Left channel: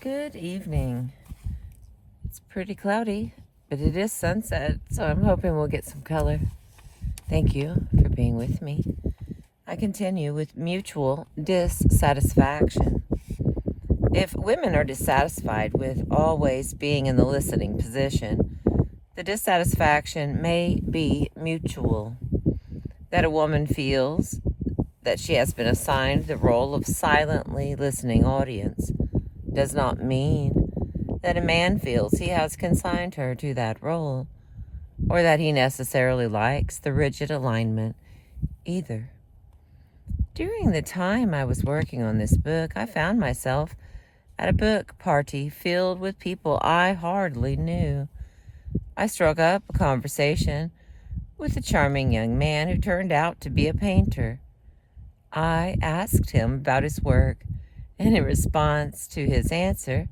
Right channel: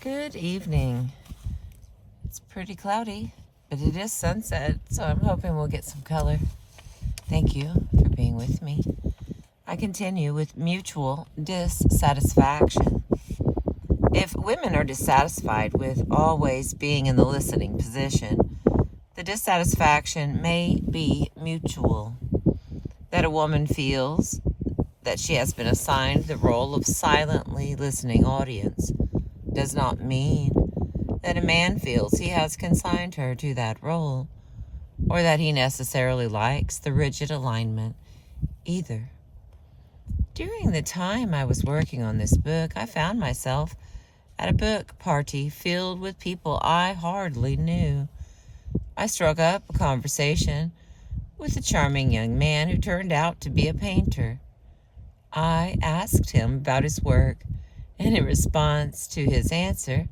Good evening. It's pretty cloudy, but it is sunset, so I'm hoping we'll get some color. Thank you for being with me. I continue with mutual dissatisfaction. If women are dissatisfied with always being in the listening position, the dissatisfaction may be mutual. That a woman feels that she has been assigned the role of silently listening audience does not mean that a man feels he has consigned her to that role, or that he necessarily likes the rigid alignment either. During the time I was working on this book, I found myself at a book party filled with people I hardly knew. I struck up a conversation with a charming young man who turned out to be a painter. I asked him about his work, and in response to his answer,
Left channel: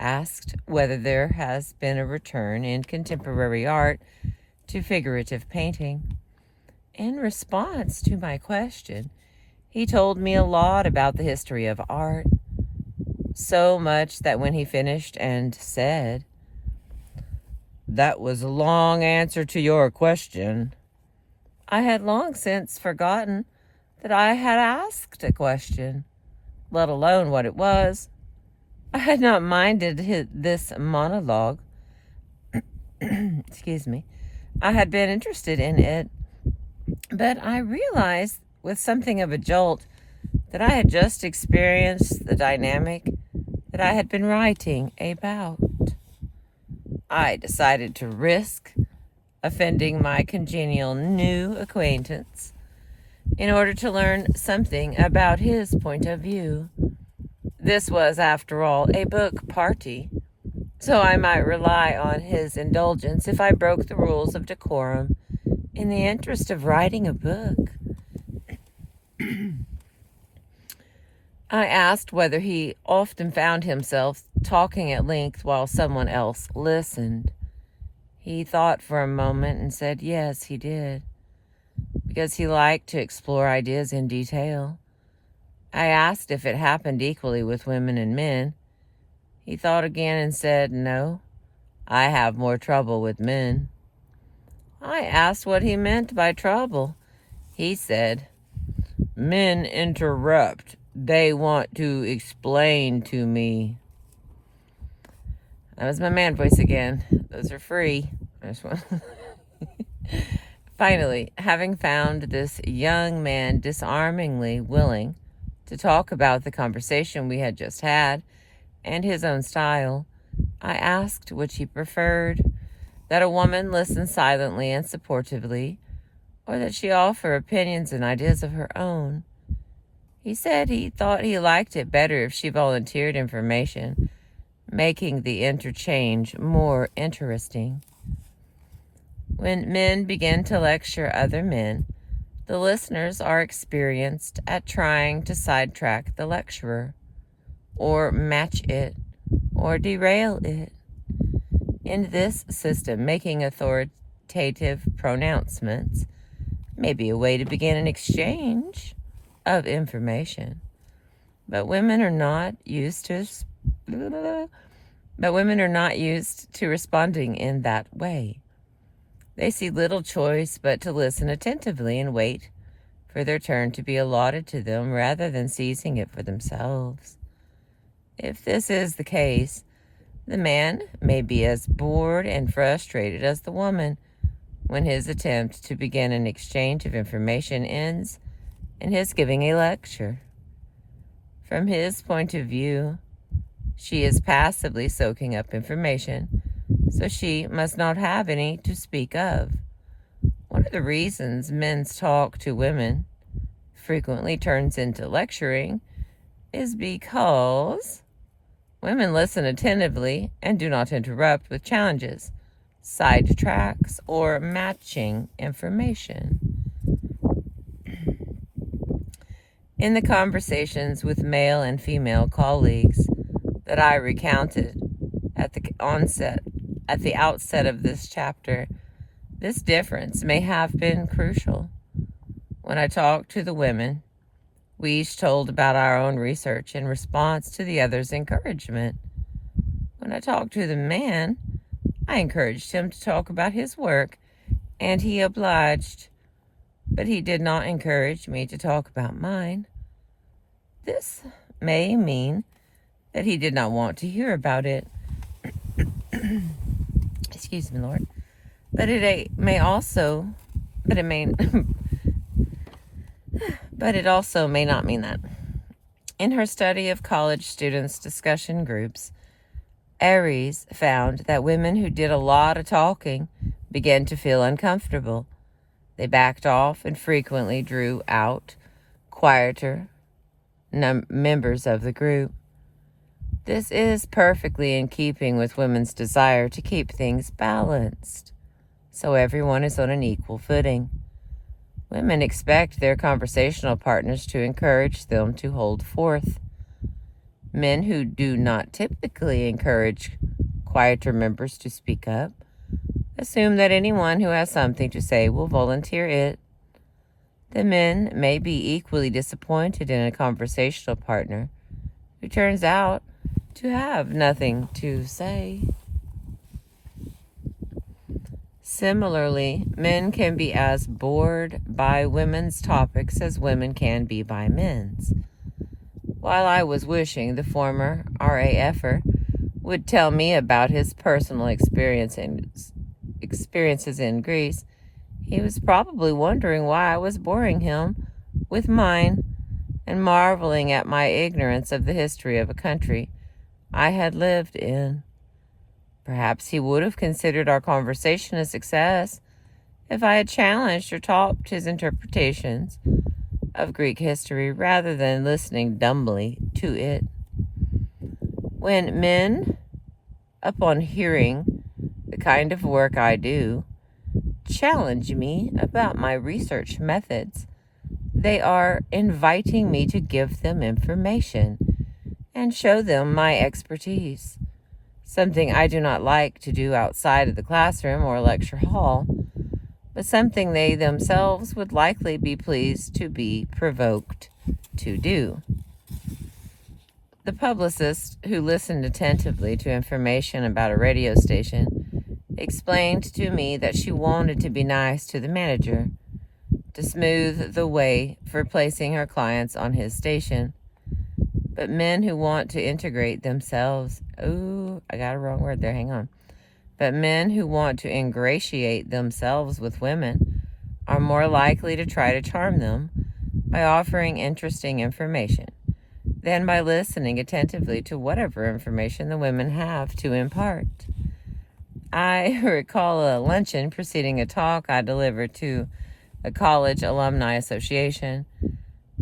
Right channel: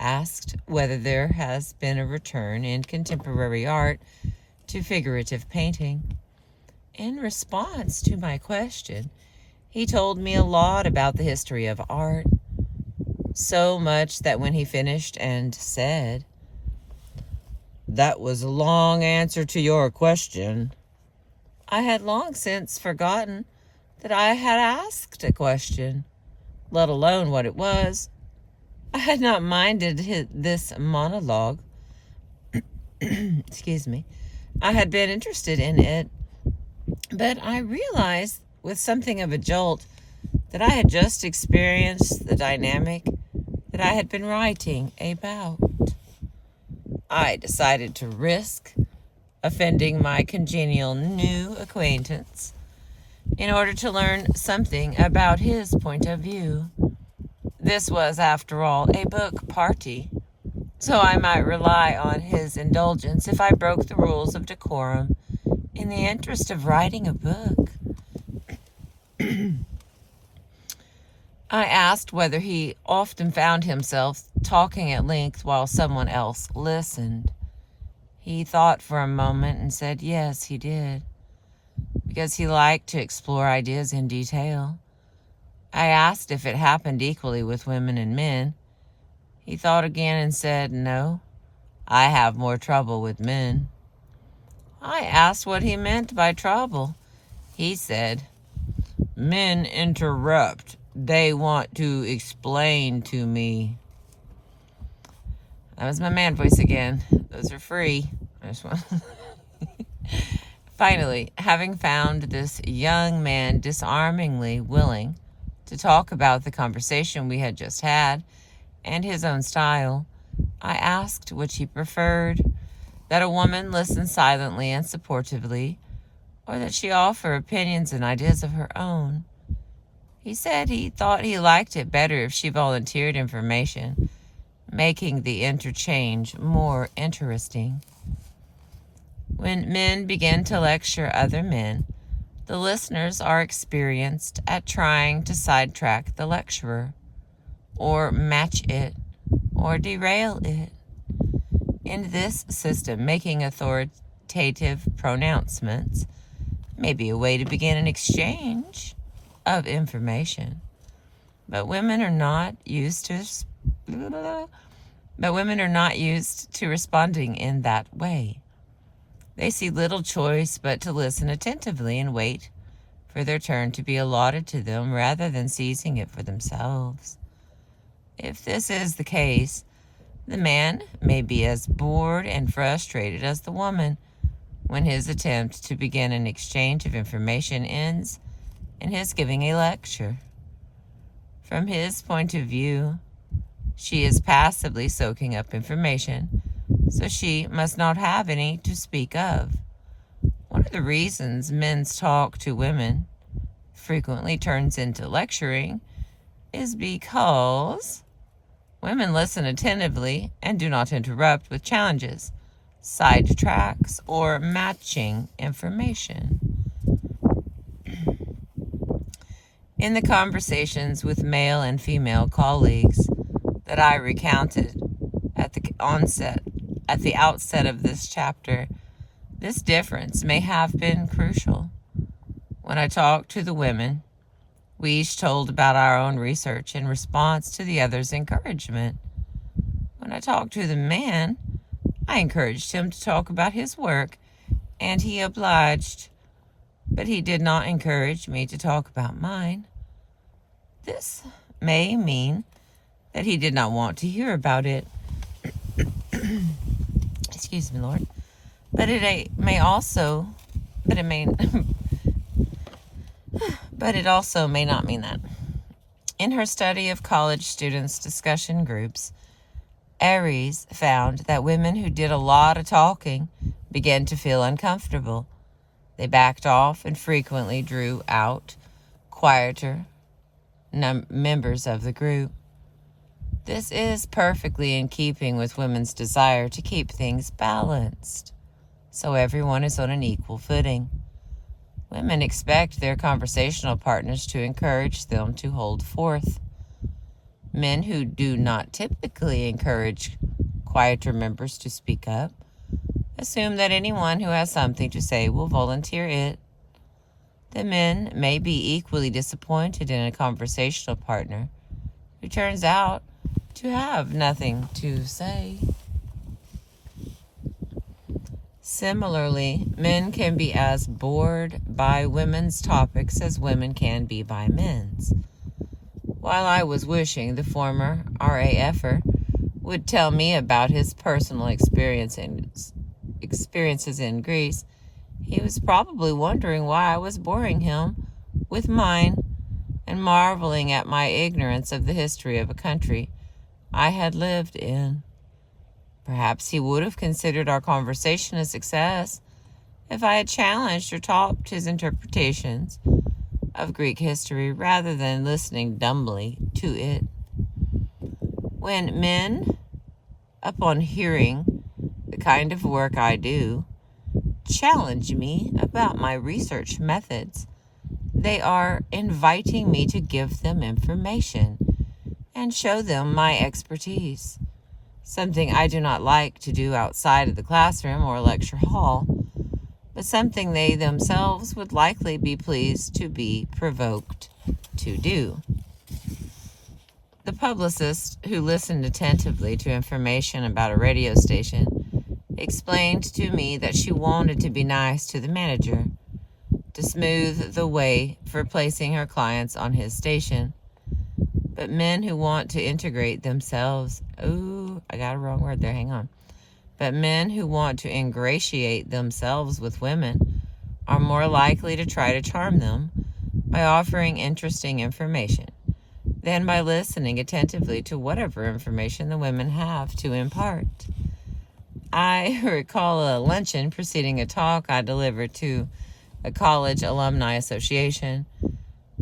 asked whether there has been a return in contemporary art to figurative painting. In response to my question, he told me a lot about the history of art, so much that when he finished and said, "That was a long answer to your question," I had long since forgotten that I had asked a question, let alone what it was. I had not minded this monologue. Excuse me. I had been interested in it, but I realized with something of a jolt that I had just experienced the dynamic that I had been writing about. I decided to risk offending my congenial new acquaintance in order to learn something about his point of view. This was, after all, a book party, so I might rely on his indulgence if I broke the rules of decorum in the interest of writing a book. I asked whether he often found himself talking at length while someone else listened. He thought for a moment and said yes, he did, because he liked to explore ideas in detail. I asked if it happened equally with women and men. He thought again and said, "No, I have more trouble with men." I asked what he meant by trouble. He said, "Men interrupt. They want to explain to me." That was my man voice again. Those are free. I just want Finally, having found this young man disarmingly willing to talk about the conversation we had just had and his own style, I asked which he preferred, that a woman listen silently and supportively, or that she offer opinions and ideas of her own. He said he thought he liked it better if she volunteered information, making the interchange more interesting. When men begin to lecture other men, the listeners are experienced at trying to sidetrack the lecturer, or match it, or derail it. In this system, making authoritative pronouncements may be a way to begin an exchange of information. But women are not used to responding in that way. They see little choice but to listen attentively and wait for their turn to be allotted to them rather than seizing it for themselves. If this is the case, the man may be as bored and frustrated as the woman when his attempt to begin an exchange of information ends in his giving a lecture. From his point of view, she is passively soaking up information, so she must not have any to speak of. One of the reasons men's talk to women frequently turns into lecturing is because women listen attentively and do not interrupt with challenges, sidetracks, or matching information. In the conversations with male and female colleagues that I recounted at the outset of this chapter, this difference may have been crucial. When I talked to the women, we each told about our own research in response to the other's encouragement. When I talked to the man, I encouraged him to talk about his work, and he obliged, but he did not encourage me to talk about mine. This may mean that he did not want to hear about it. Excuse me, Lord. But it may also, but it also may not mean that. In her study of college students' discussion groups, Aries found that women who did a lot of talking began to feel uncomfortable. They backed off and frequently drew out quieter members of the group. This is perfectly in keeping with women's desire to keep things balanced, so everyone is on an equal footing. Women expect their conversational partners to encourage them to hold forth. Men who do not typically encourage quieter members to speak up assume that anyone who has something to say will volunteer it. The men may be equally disappointed in a conversational partner who turns out to have nothing to say. Similarly, men can be as bored by women's topics as women can be by men's. While I was wishing the former RAFer would tell me about his personal experiences in Greece, he was probably wondering why I was boring him with mine and marveling at my ignorance of the history of a country I had lived in. Perhaps he would have considered our conversation a success if I had challenged or topped his interpretations of Greek history rather than listening dumbly to it. When men, upon hearing the kind of work I do, challenge me about my research methods, they are inviting me to give them information and show them my expertise, something I do not like to do outside of the classroom or lecture hall, but something they themselves would likely be pleased to be provoked to do. The publicist, who listened attentively to information about a radio station, explained to me that she wanted to be nice to the manager, to smooth the way for placing her clients on his station. But men who want to integrate themselves, I got a wrong word there, hang on. But men who want to ingratiate themselves with women are more likely to try to charm them by offering interesting information than by listening attentively to whatever information the women have to impart. I recall a luncheon preceding a talk I delivered to a college alumni association.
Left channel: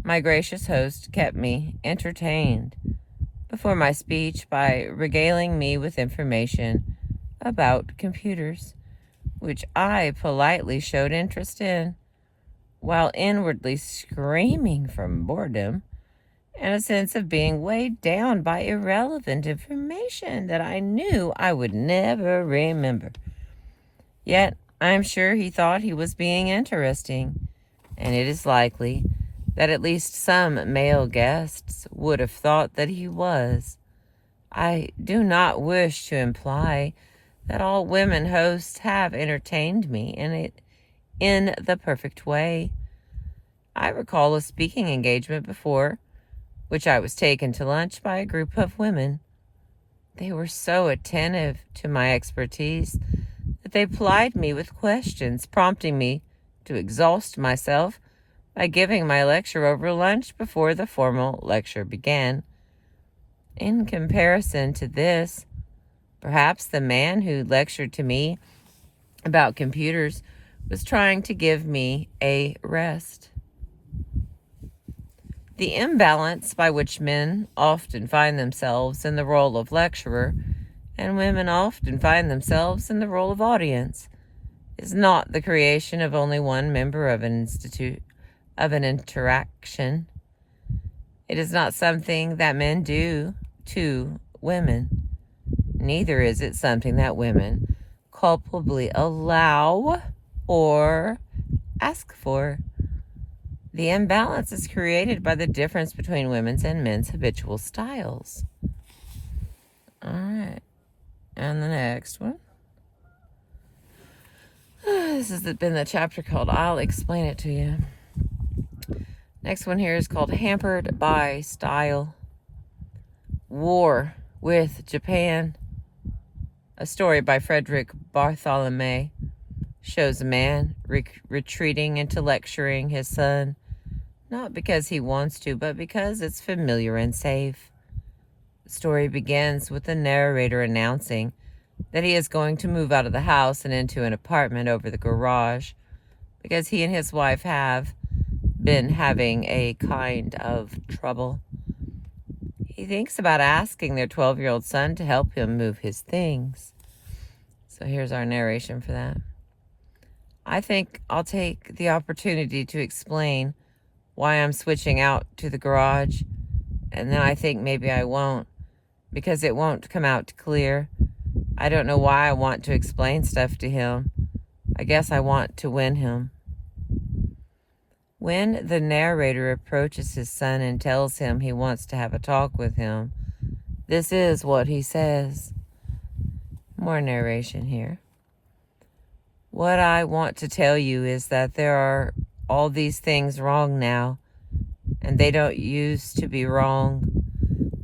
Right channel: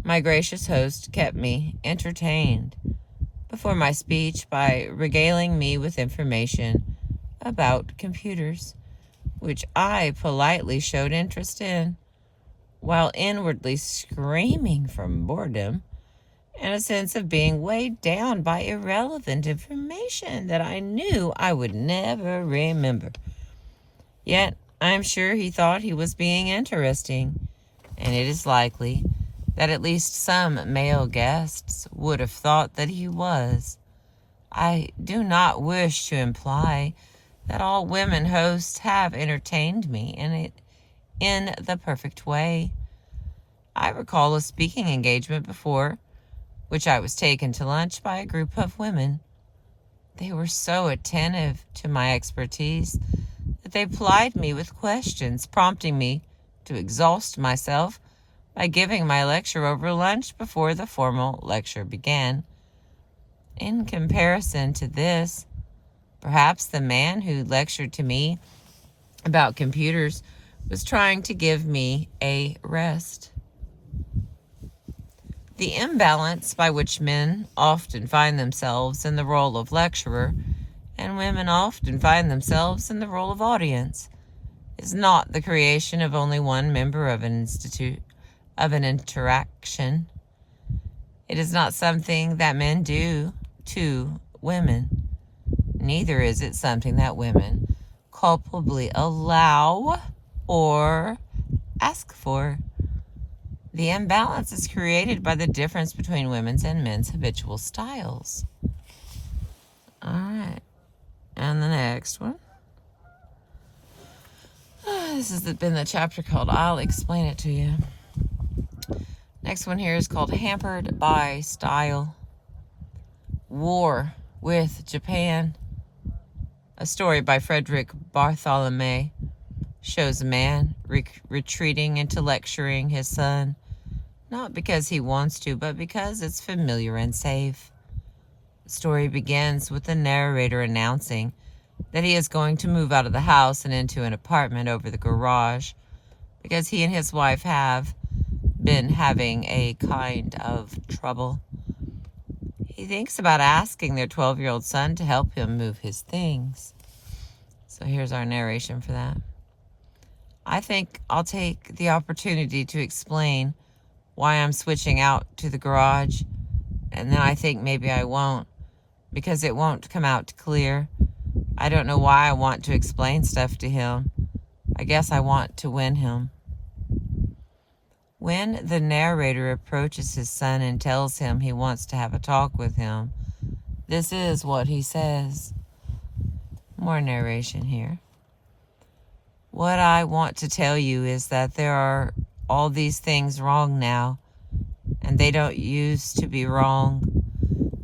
My gracious host kept me entertained before my speech by regaling me with information about computers, which I politely showed interest in, while inwardly screaming from boredom and a sense of being weighed down by irrelevant information that I knew I would never remember. Yet, I'm sure he thought he was being interesting, and it is likely that at least some male guests would have thought that he was. I do not wish to imply that all women hosts have entertained me in the perfect way. I recall a speaking engagement before which I was taken to lunch by a group of women. They were so attentive to my expertise that they plied me with questions, prompting me to exhaust myself by giving my lecture over lunch before the formal lecture began. In comparison to this, perhaps the man who lectured to me about computers was trying to give me a rest. The imbalance by which men often find themselves in the role of lecturer and women often find themselves in the role of audience is not the creation of only one member of an interaction. It is not something that men do to women. Neither is it something that women culpably allow or ask for. The imbalance is created by the difference between women's and men's habitual styles. All right. next one. This has been the chapter called I'll Explain It to You. Next one here is called Hampered by Style. War with Japan. A story by Frederick Bartholomew shows a man retreating into lecturing his son, not because he wants to, but because it's familiar and safe. The story begins with the narrator announcing that he is going to move out of the house and into an apartment over the garage because he and his wife have been having a kind of trouble. He thinks about asking their 12-year-old son to help him move his things. So here's our narration for that. I think I'll take the opportunity to explain why I'm switching out to the garage, and then I think maybe I won't, because it won't come out clear. I don't know why I want to explain stuff to him. I guess I want to win him. When the narrator approaches his son and tells him he wants to have a talk with him, this is what he says. More narration here. What I want to tell you is that there are all these things wrong now, and they don't used to be wrong.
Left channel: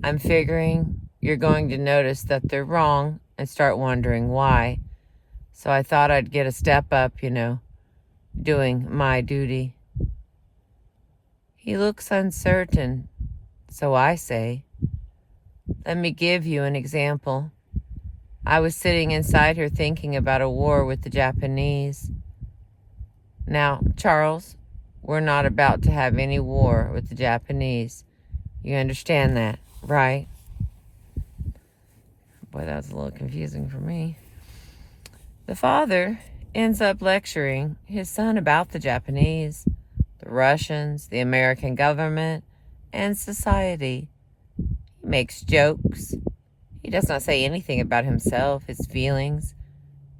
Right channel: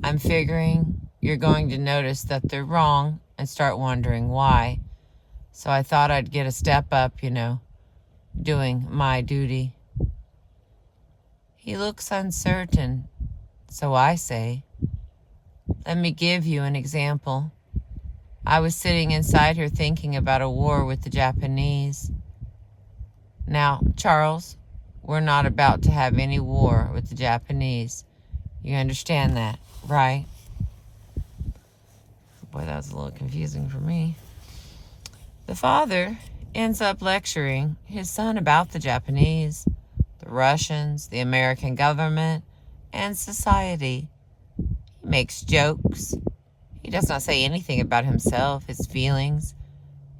I'm figuring you're going to notice that they're wrong and start wondering why. So I thought I'd get a step up, doing my duty. He looks uncertain, so I say, let me give you an example. I was sitting inside her thinking about a war with the Japanese. Now, Charles, we're not about to have any war with the Japanese. You understand that, right? Boy, that was a little confusing for me. The father ends up lecturing his son about the Japanese, the Russians, the American government, and society. He makes jokes. He does not say anything about himself, his feelings,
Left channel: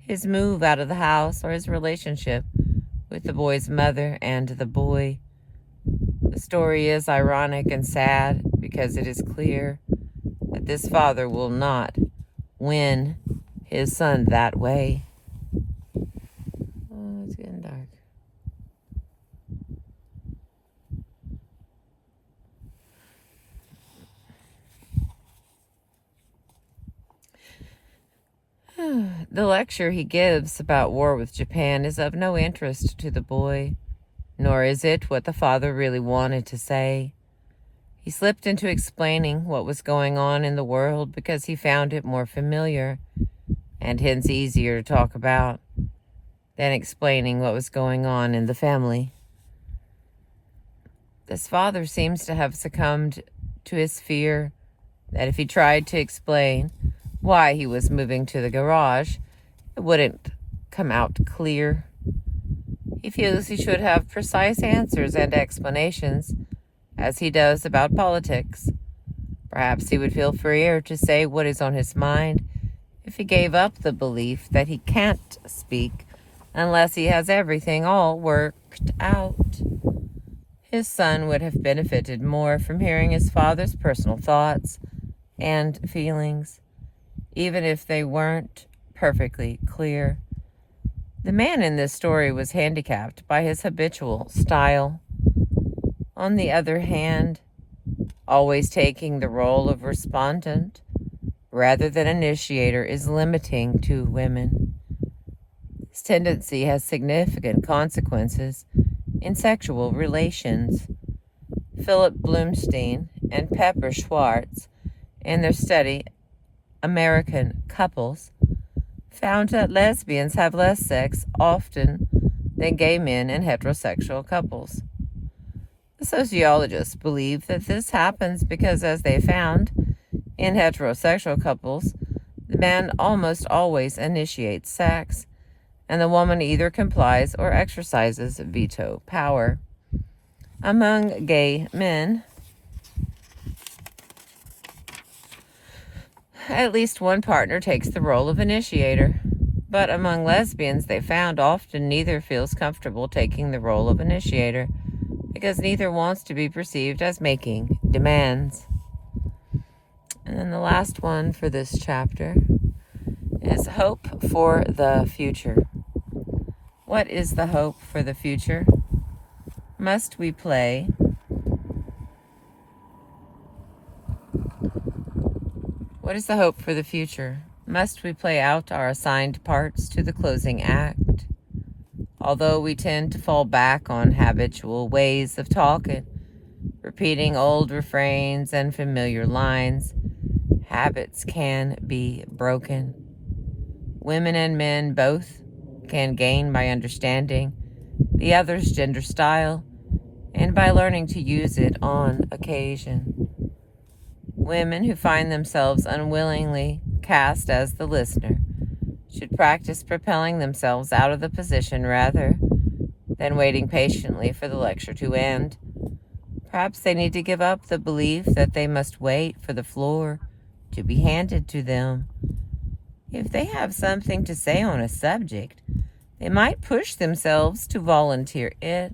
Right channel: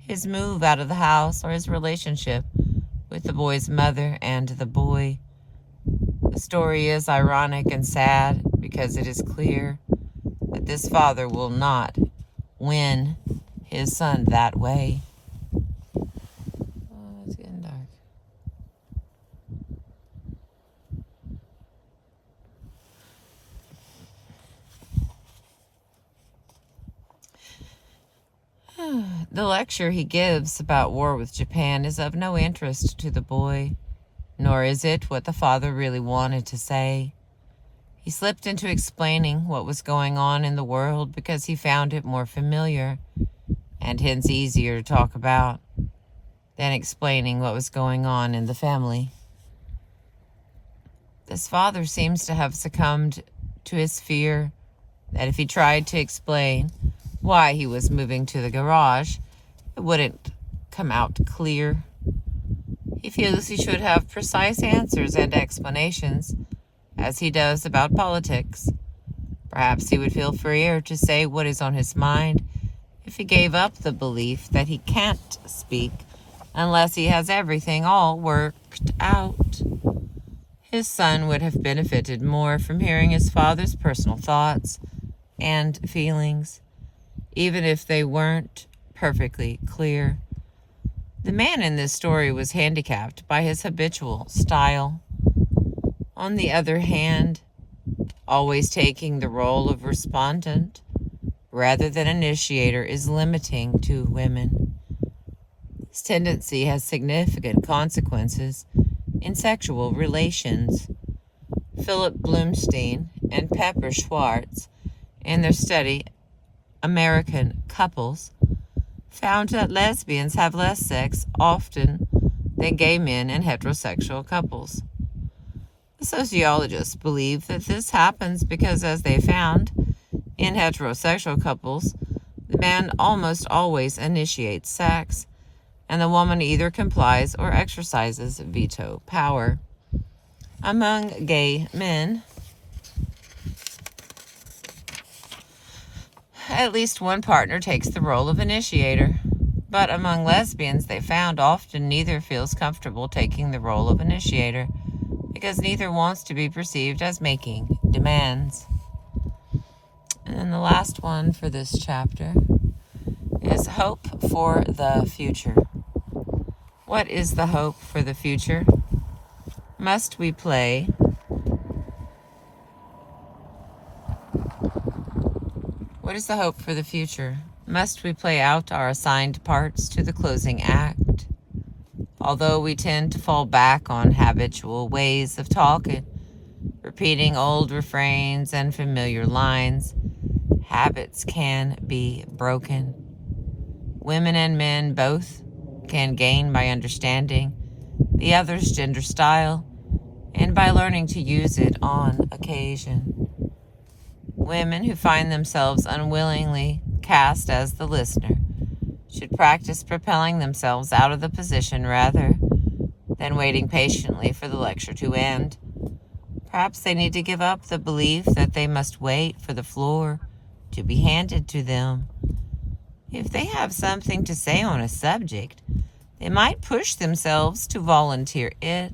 his move out of the house, or his relationship with the boy's mother and the boy. The story is ironic and sad because it is clear that this father will not win his son that way. Oh, it's getting dark. The lecture he gives about war with Japan is of no interest to the boy, nor is it what the father really wanted to say. He slipped into explaining what was going on in the world because he found it more familiar, and hence easier to talk about, than explaining what was going on in the family. This father seems to have succumbed to his fear that if he tried to explain why he was moving to the garage, it wouldn't come out clear. He feels he should have precise answers and explanations, as he does about politics. Perhaps he would feel freer to say what is on his mind if he gave up the belief that he can't speak unless he has everything all worked out. His son would have benefited more from hearing his father's personal thoughts and feelings, even if they weren't perfectly clear. The man in this story was handicapped by his habitual style. On the other hand, always taking the role of respondent rather than initiator is limiting to women. This tendency has significant consequences in sexual relations. Philip Bloomstein and Pepper Schwartz, in their study American Couples, found that lesbians have less sex often than gay men and heterosexual couples. The sociologists believe that this happens because, as they found, in heterosexual couples, the man almost always initiates sex, and the woman either complies or exercises veto power. Among gay men, at least one partner takes the role of initiator, but among lesbians, they found often neither feels comfortable taking the role of initiator because neither wants to be perceived as making demands. And then the last one for this chapter is hope for the future. What is the hope for the future? Must we play? What is the hope for the future? Must we play out our assigned parts to the closing act? Although we tend to fall back on habitual ways of talking, repeating old refrains and familiar lines, habits can be broken. Women and men both can gain by understanding the other's gender style and by learning to use it on occasion. Women who find themselves unwillingly cast as the listener should practice propelling themselves out of the position rather than waiting patiently for the lecture to end. Perhaps they need to give up the belief that they must wait for the floor to be handed to them. If they have something to say on a subject, they might push themselves to volunteer it.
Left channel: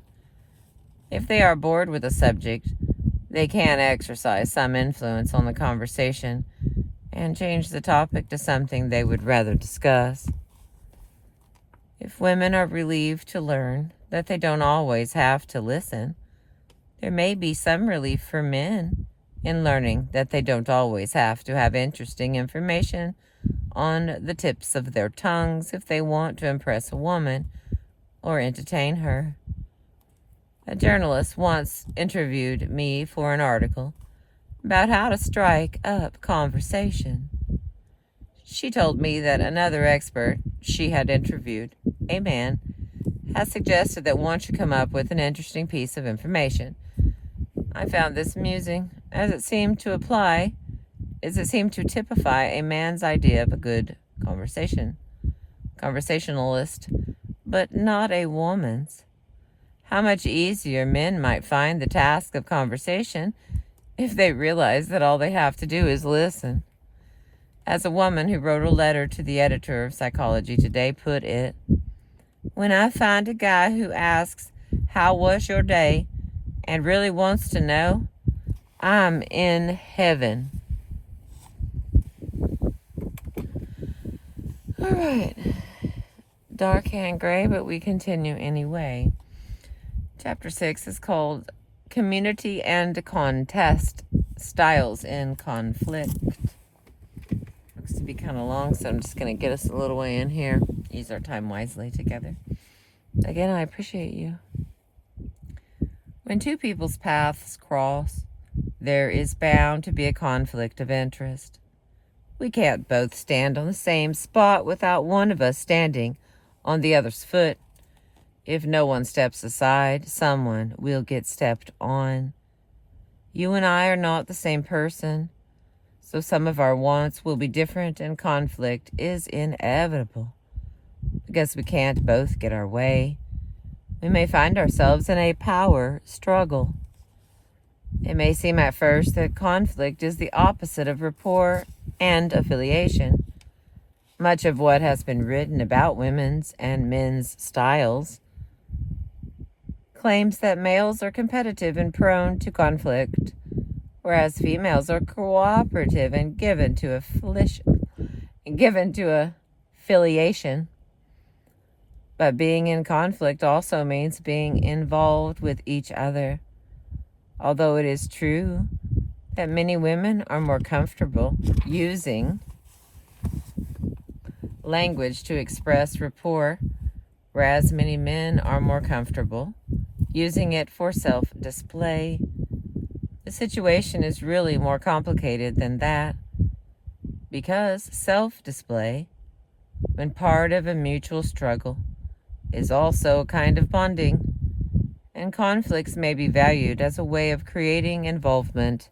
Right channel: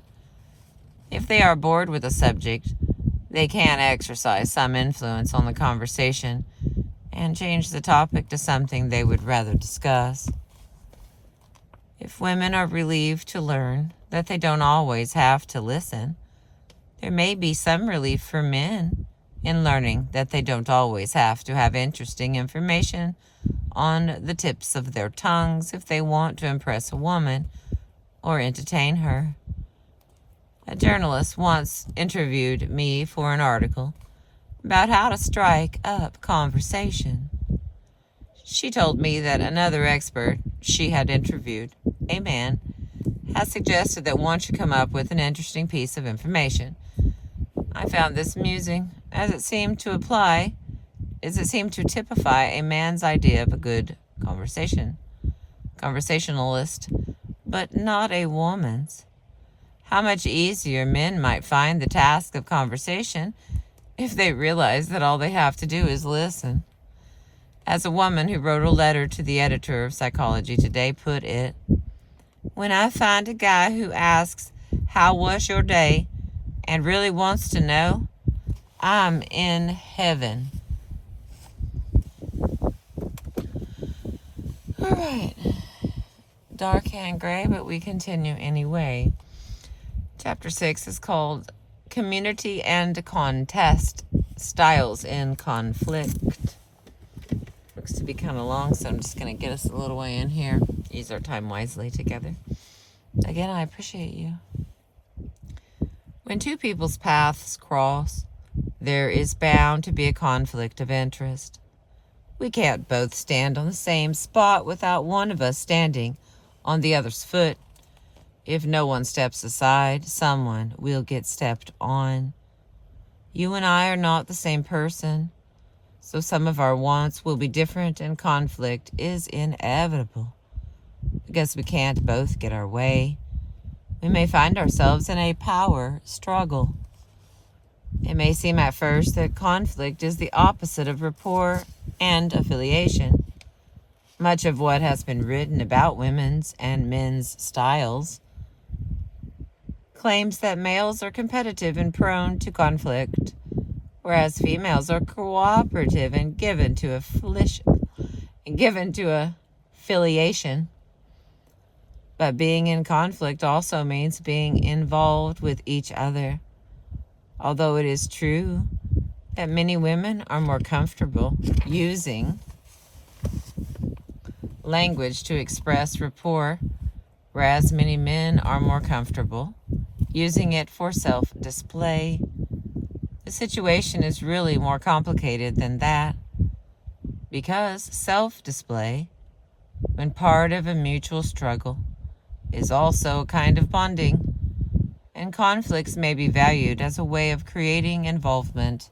If they are bored with a subject, they can exercise some influence on the conversation and change the topic to something they would rather discuss. If women are relieved to learn that they don't always have to listen, there may be some relief for men in learning that they don't always have to have interesting information on the tips of their tongues if they want to impress a woman or entertain her. A journalist once interviewed me for an article about how to strike up conversation. She told me that another expert she had interviewed, a man, had suggested that one should come up with an interesting piece of information. I found this amusing, as it seemed to typify a man's idea of a good conversationalist, but not a woman's. How much easier men might find the task of conversation if they realize that all they have to do is listen. As a woman who wrote a letter to the editor of Psychology Today put it, "When I find a guy who asks, 'How was your day?' and really wants to know, I'm in heaven." All right. Dark and gray, but we continue anyway. Chapter 6 is called Community and Contest, Styles in Conflict. Looks to be kind of long, so I'm just going to get us a little way in here. Use our time wisely together. Again, I appreciate you. When two people's paths cross, there is bound to be a conflict of interest. We can't both stand on the same spot without one of us standing on the other's foot. If no one steps aside, someone will get stepped on. You and I are not the same person, so some of our wants will be different and conflict is inevitable. Because we can't both get our way, we may find ourselves in a power struggle. It may seem at first that conflict is the opposite of rapport and affiliation. Much of what has been written about women's and men's styles claims that males are competitive and prone to conflict, whereas females are cooperative and given to affiliation. But being in conflict also means being involved with each other. Although it is true that many women are more comfortable using language to express rapport, whereas many men are more comfortable using it for self-display. The situation is really more complicated than that, because self-display, when part of a mutual struggle, is also a kind of bonding, and conflicts may be valued as a way of creating involvement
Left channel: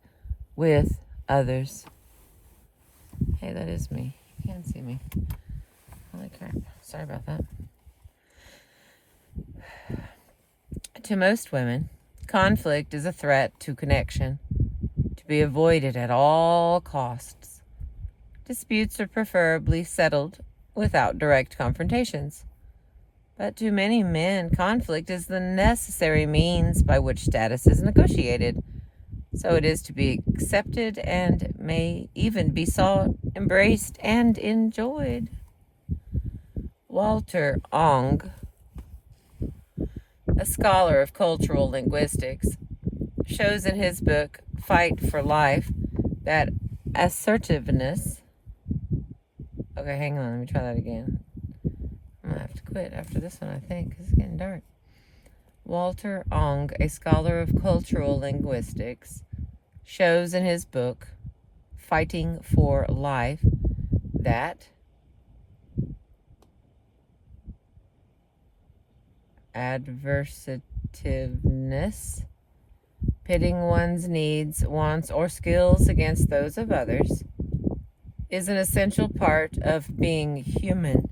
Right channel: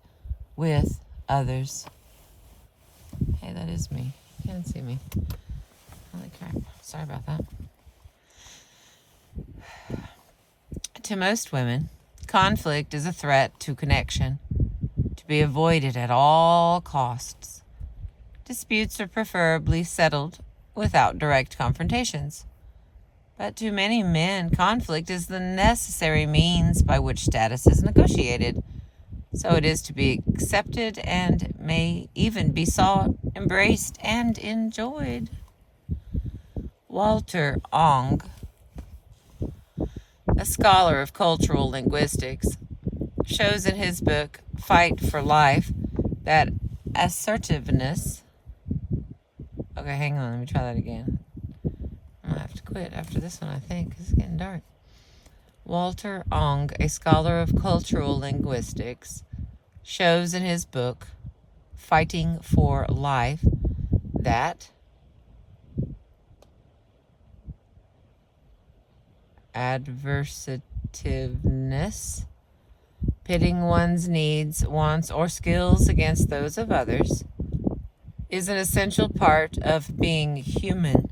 with others. Hey, that is me. You can't see me. Holy crap. Sorry about that. To most women, conflict is a threat to connection, to be avoided at all costs. Disputes are preferably settled without direct confrontations. But to many men, conflict is the necessary means by which status is negotiated. So it is to be accepted and may even be sought, embraced, and enjoyed. Walter Ong, a scholar of cultural linguistics, shows in his book Fight for Life that assertiveness... Okay, hang on, let me try that again. I'm going to have to quit after this one, I think, because it's getting dark. Walter Ong, a scholar of cultural linguistics, shows in his book Fighting for Life that adversativeness, pitting one's needs, wants, or skills against those of others, is an essential part of being human,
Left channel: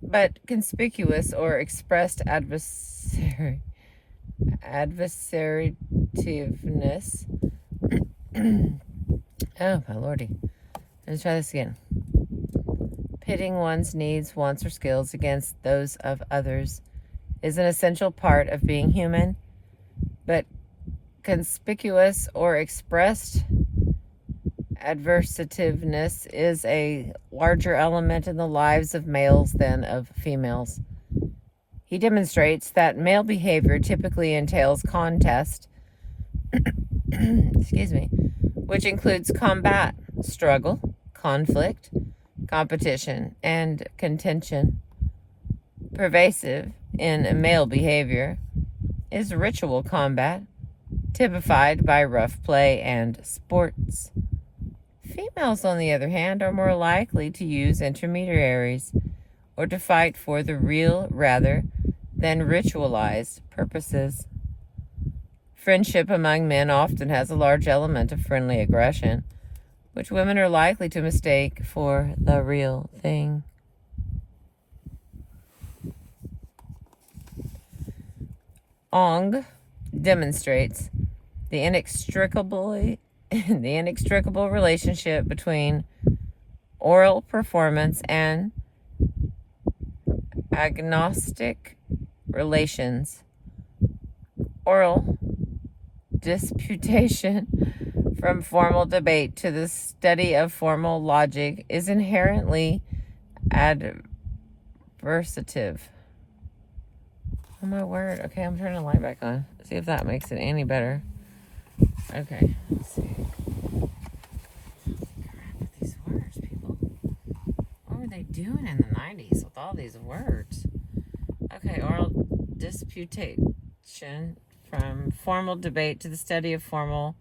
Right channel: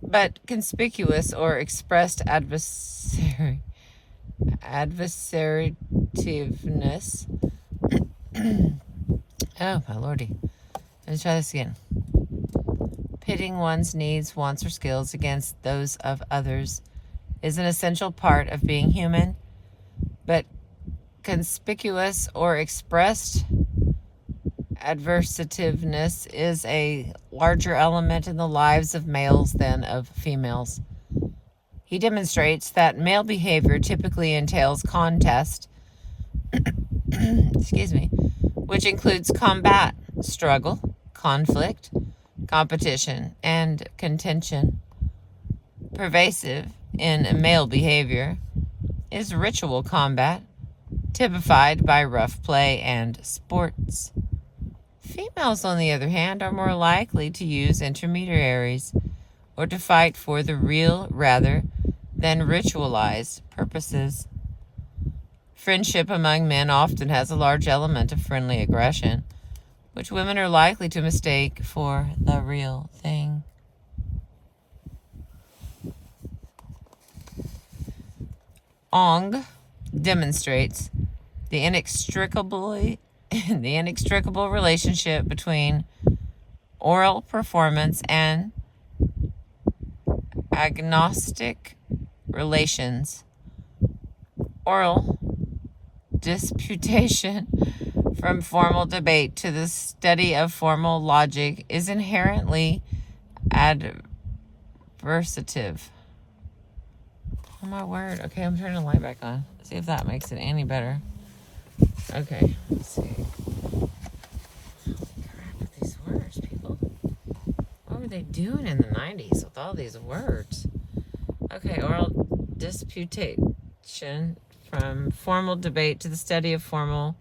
but conspicuous or expressed adversativeness. Oh, my lordy. Let's try this again. Pitting one's needs, wants, or skills against those of others is an essential part of being human, but conspicuous or expressed adversativeness is a larger element in the lives of males than of females. He demonstrates that male behavior typically entails contest, which includes combat, struggle, conflict, competition, and contention. Pervasive in male behavior is ritual combat, typified by rough play and sports. Females, on the other hand, are more likely to use intermediaries or to fight for the real rather than ritualized purposes. Friendship among men often has a large element of friendly aggression, which women are likely to mistake for the real thing. Ong demonstrates the inextricable relationship between oral performance and agnostic relations. Oral disputation, from formal debate to the study of formal logic, is inherently adversative. Oh my word. Okay, I'm turning the light back on. See if that makes it any better. Okay, let's see. Holy crap with these words, people. What were they doing in the 90s with all these words? Okay, oral disputation, from formal debate to the study of formal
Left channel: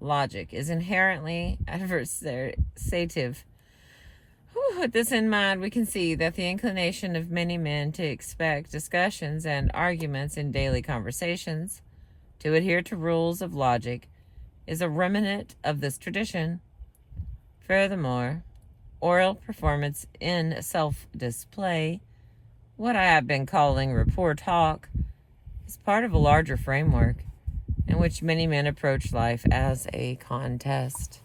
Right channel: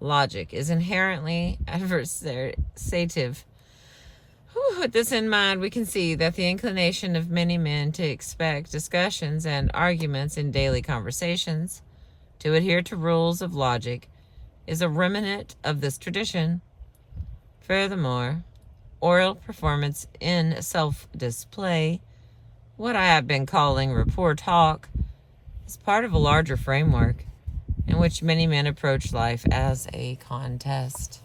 logic, is inherently adversative. With this in mind, we can see that the inclination of many men to expect discussions and arguments in daily conversations to adhere to rules of logic is a remnant of this tradition. Furthermore, oral performance in self-display, what I have been calling rapport talk, is part of a larger framework in which many men approach life as a contest.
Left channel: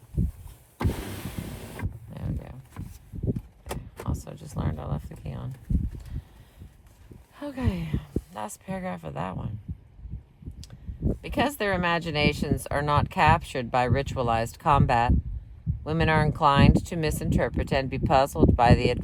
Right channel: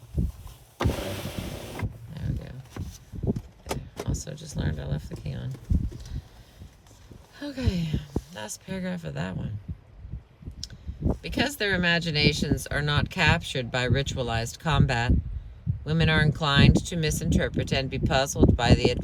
Also just learned I left the key on. Okay, last paragraph of that one. Because their imaginations are not captured by ritualized combat, women are inclined to misinterpret and be puzzled by the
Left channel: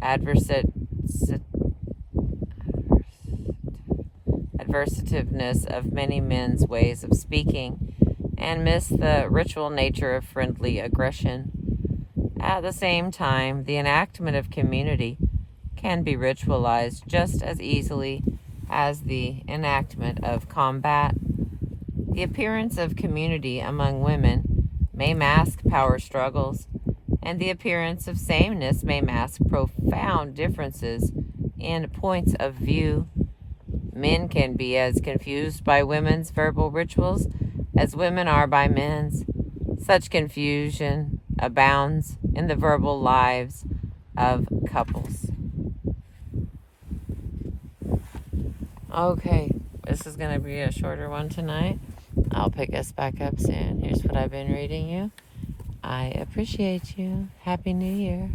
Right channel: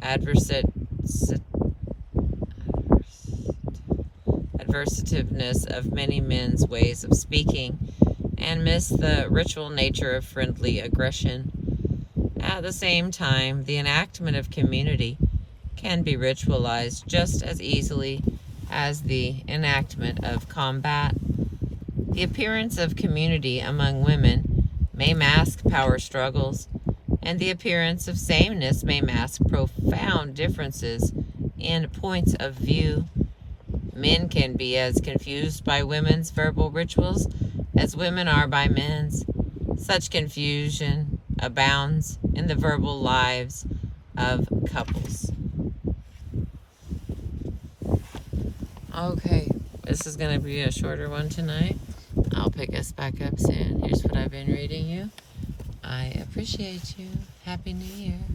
adversativeness of many men's ways of speaking and miss the ritual nature of friendly aggression. At the same time, the enactment of community can be ritualized just as easily as the enactment of combat. The appearance of community among women may mask power struggles, and the appearance of sameness may mask profound differences in points of view. Men can be as confused by women's verbal rituals as women are by men's. Such confusion abounds in the verbal lives of couples. Okay, this is going to be a shorter one tonight. I'll pick us back up soon. Here's what I've been reading you. I appreciate you. Happy New Year.